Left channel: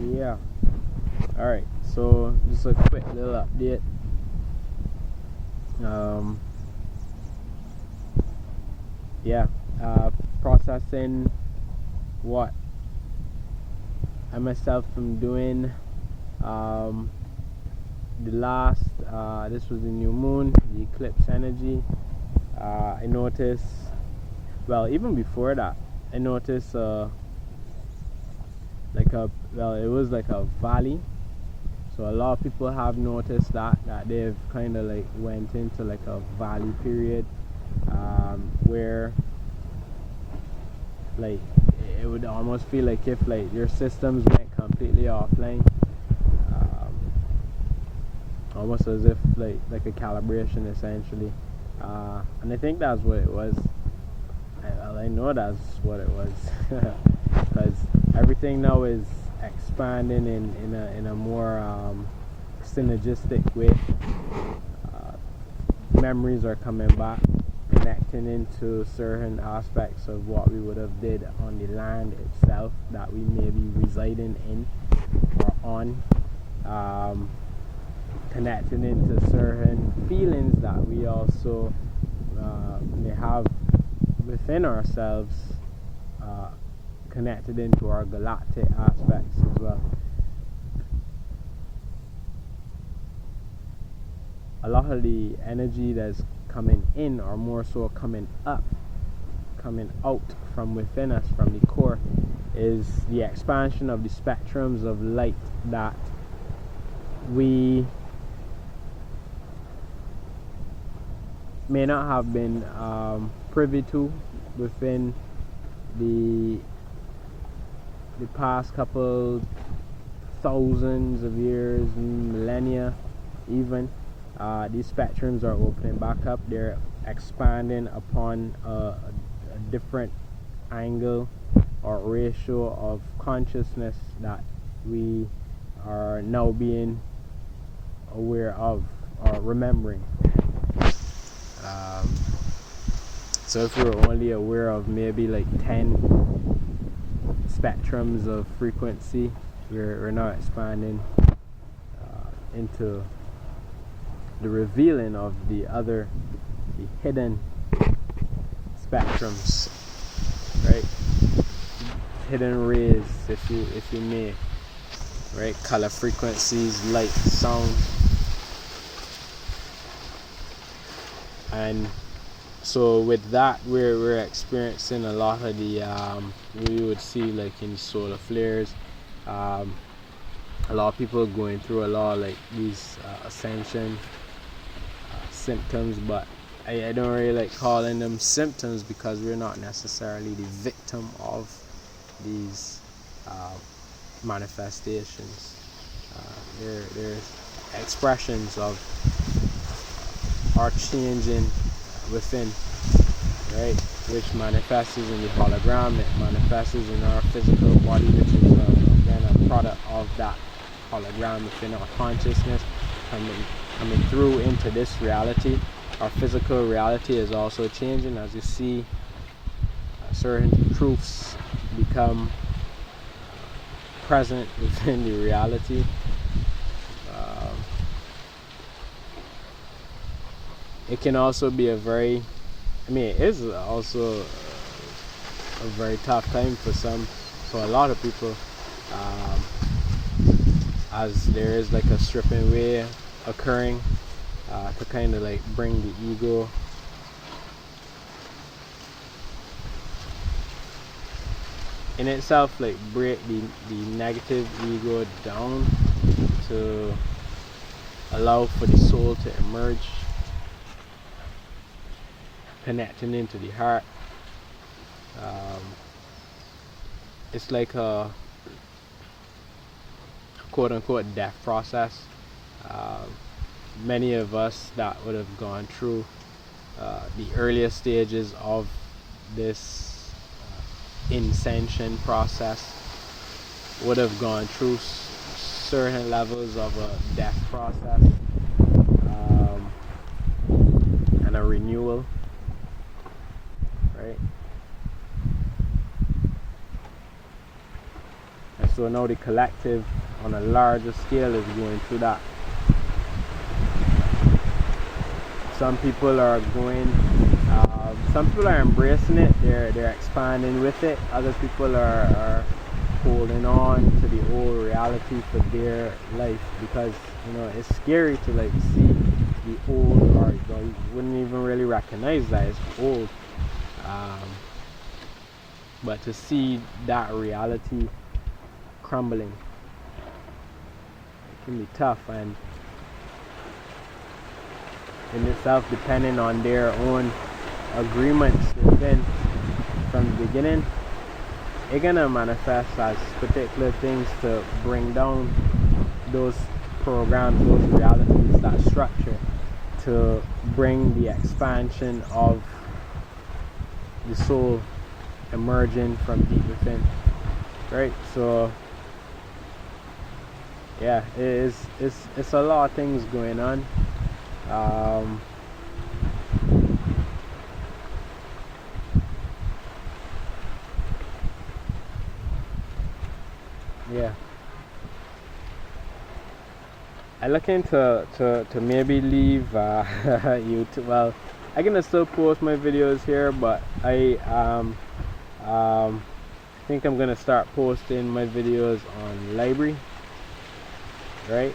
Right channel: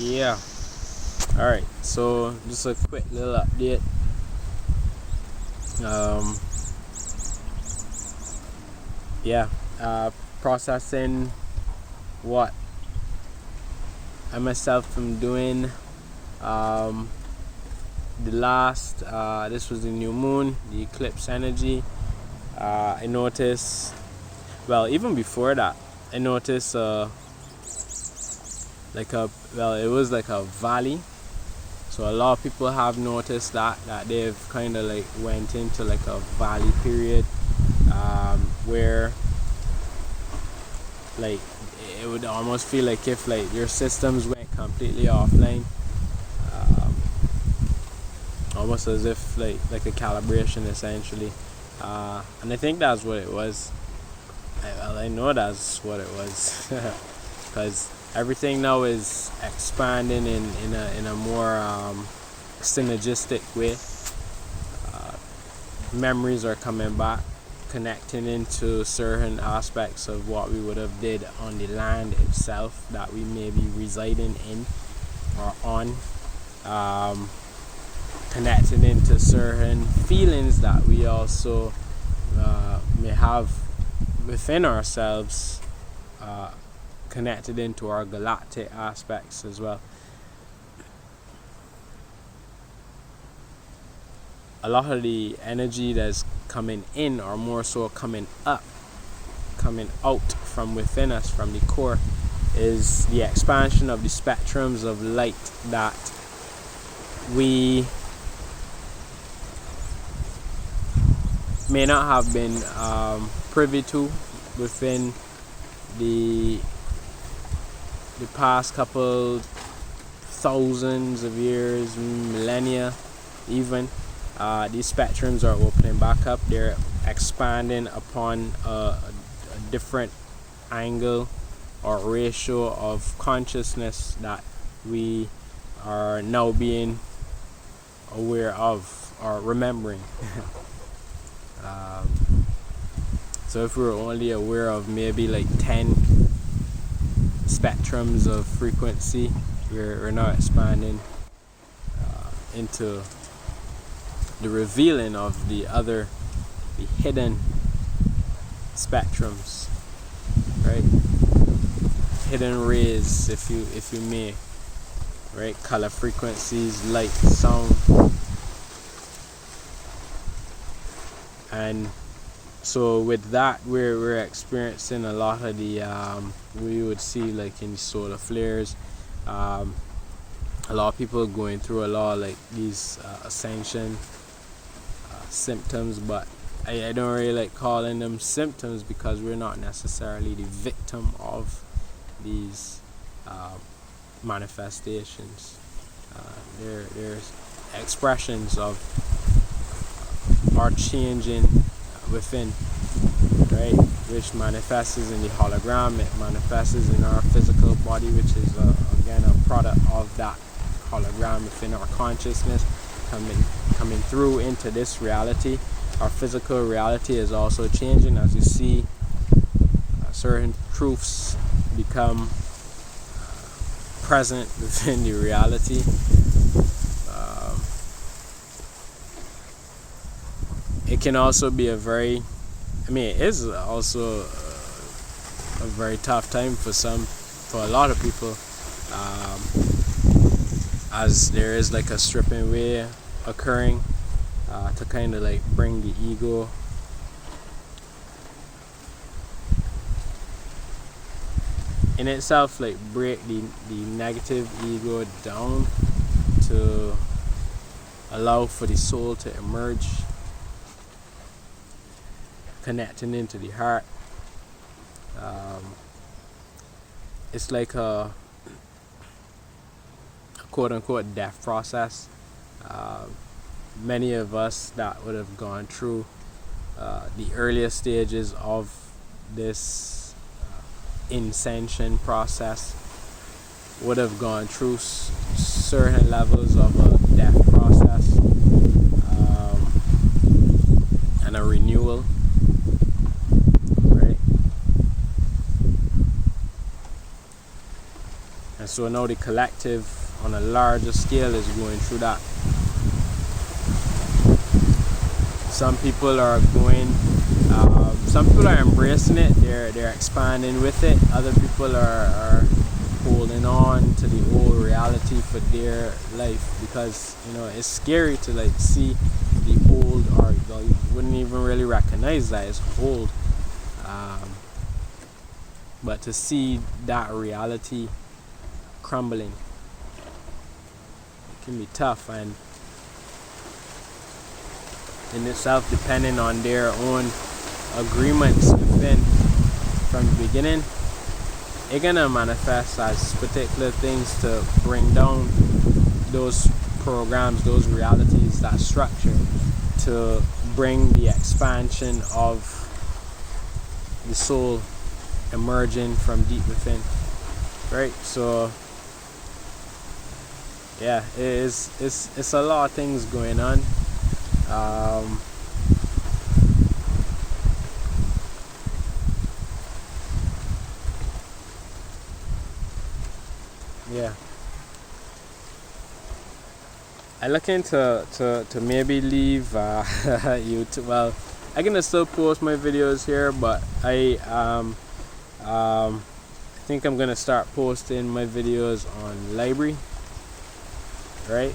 Yeah. Alright, so just a quick little update. Yeah, processing what I myself am doing. The last, this was the new moon, the eclipse energy. I noticed, well, even before that, I noticed it was like a valley. So a lot of people have noticed that they've kind of like went into like a valley period, where like it would almost feel like if like your systems went completely offline, almost as if like a calibration essentially, and I think that's what it was. I know that's what it was, because everything now is expanding in a more synergistic way. Memories are coming back, connecting into certain aspects of what we would have did on the land itself that we may be residing in or on, connecting into certain feelings that we also may have within ourselves, connected into our galactic aspects as well. A lot of the energy that's coming in, or more so coming up, coming out from within us, from the core, is the expansion of the spectrums of light that we may not have been privy to within the past couple thousands of years, millennia even. These spectrums are opening back up. They're expanding upon a different angle or ratio of consciousness that we are now being aware of or remembering. So if we're only aware of maybe like 10 spectrums of frequency, we're now expanding into the revealing of the hidden spectrums, right? Hidden rays, if you may, right? Color frequencies, light, sound, and so with that, we're experiencing a lot of the we would see like in the solar flares. A lot of people going through a lot of like these ascension symptoms, but I don't really like calling them symptoms, because we're not necessarily the victim of these manifestations. They're expressions of our changing within, right? Which manifests in the hologram, it manifests in our physical body, which is again a product of that hologram within our consciousness coming through into this reality. Our physical reality is also changing as you see certain truths become present within the reality. It can also be it is also a very tough time for a lot of people, as there is like a stripping away occurring to kind of like bring the ego in itself, like break the negative ego down to allow for the soul to emerge, connecting into the heart. It's like a quote-unquote death process. Many of us that would have gone through the earlier stages of this ascension process would have gone through certain levels of a death process, and a renewal, right? And so now the collective on a larger scale is going through that. Some people are embracing it, they're expanding with it. Other people are holding on to the old reality for their life, because it's scary to like see the old, or you wouldn't even really recognize that it's old, but to see that reality crumbling, it can be tough. And in itself, depending on their own agreements within from the beginning, it's gonna manifest as particular things to bring down those programs, those realities, that structure, to bring the expansion of the soul emerging from deep within, right? So yeah, it's a lot of things going on. Yeah, I looking to maybe leave YouTube. Well, I can still post my videos here, but I think I'm gonna start posting my videos on library, right?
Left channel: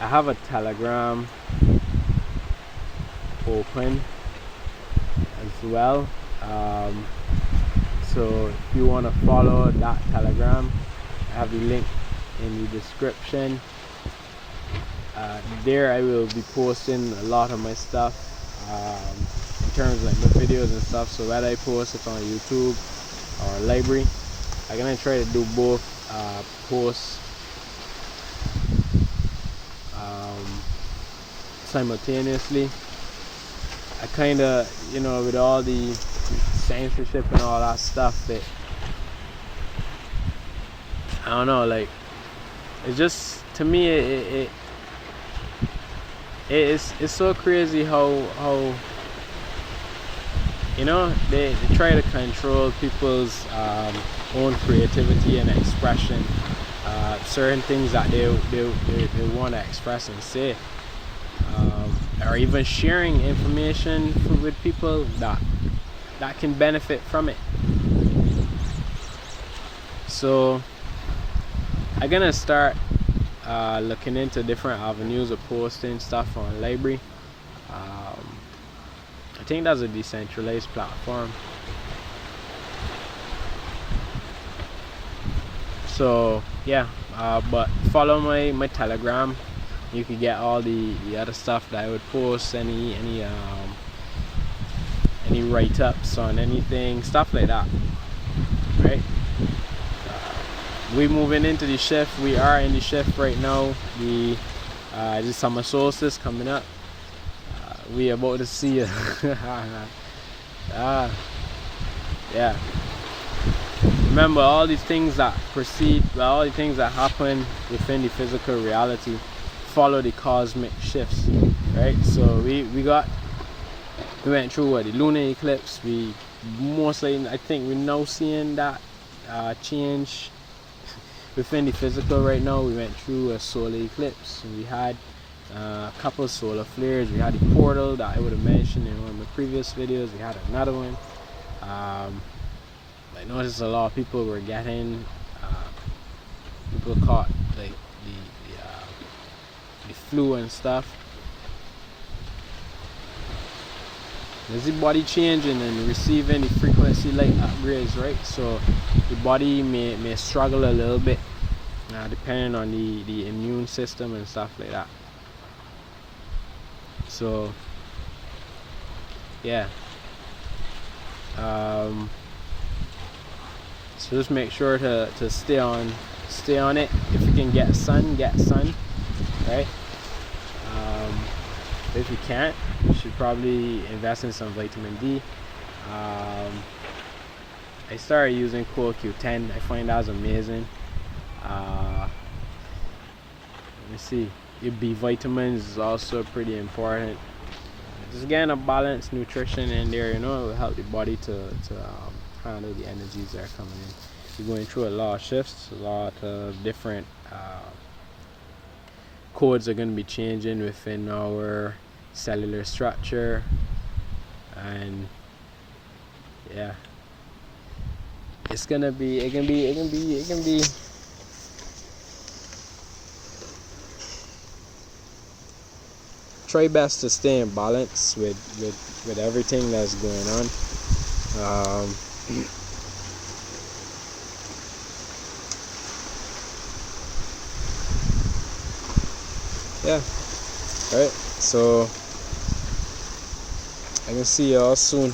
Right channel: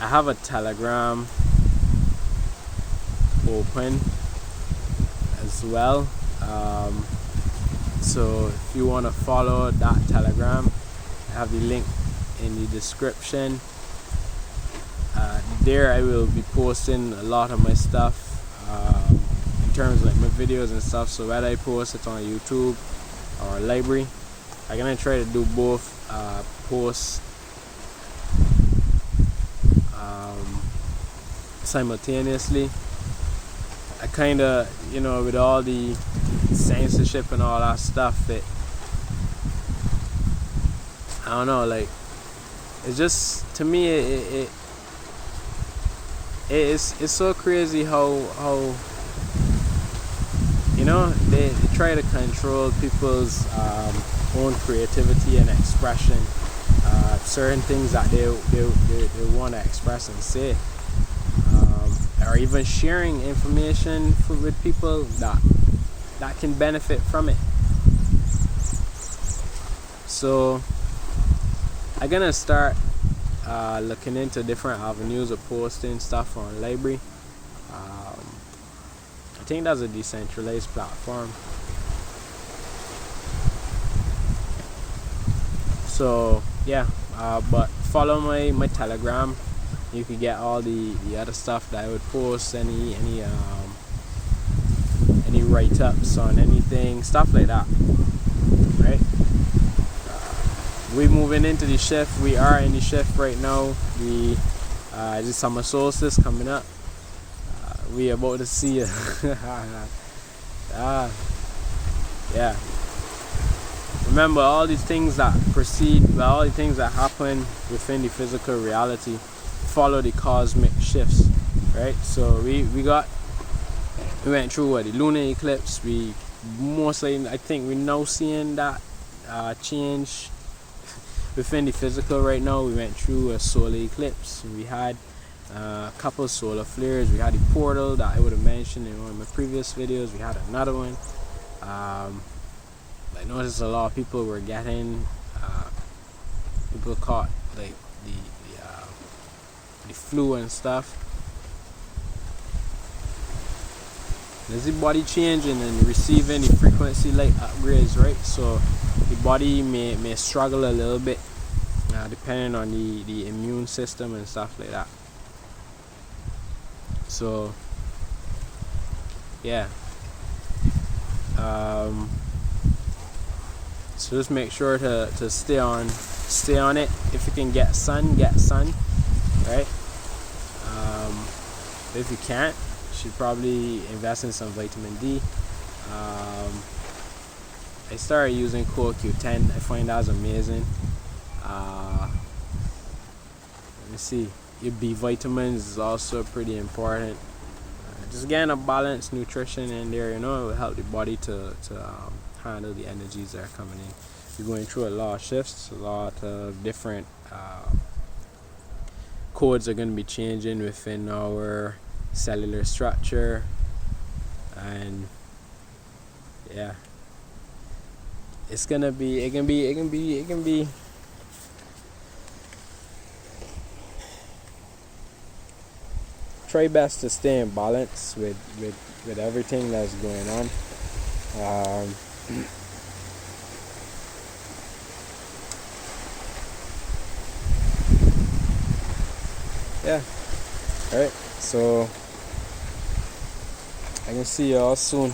I have a Telegram open as well, so if you want to follow that Telegram, I have the link in the description. There I will be posting a lot of my stuff, in terms of like my videos and stuff. So whether I post it on YouTube or library, I'm gonna try to do both posts simultaneously. I kind of, with all the censorship and all that stuff, I don't know, like, it's just, to me, it's so crazy how they try to control people's own creativity and expression, certain things that they want to express and say, or even sharing information with people that can benefit from it. So I'm gonna start looking into different avenues of posting stuff on library. I think that's a decentralized platform. So yeah, but follow my Telegram. You can get all the other stuff that I would post, any write-ups on anything, stuff like that, right? We moving into the shift. We are in the shift right now. The summer solstice coming up. We about to see it. Yeah. Remember, all these things that proceed, all the things that happen within the physical reality follow the cosmic shifts, right? So we went through the lunar eclipse. We mostly, I think we're now seeing that change within the physical right now. We went through a solar eclipse. We had a couple of solar flares. We had the portal that I would have mentioned in one of my previous videos. We had another one. I noticed a lot of people were getting people caught like the flu and stuff. There's the body changing and receiving the frequency light upgrades, right? So the body may struggle a little bit, depending on the immune system and stuff like that. So yeah, so just make sure to stay on it. If you can get sun, right? If you can't, you should probably invest in some vitamin D. I started using CoQ10. I find that's amazing. Let me see. Your B vitamins is also pretty important. Just getting a balanced nutrition in there, it will help the body to handle the energies that are coming in. We're going through a lot of shifts, a lot of different codes are going to be changing within our cellular structure, and yeah, it's gonna be it can be try best to stay in balance with everything that's going on. Yeah, all right, so I can see y'all soon.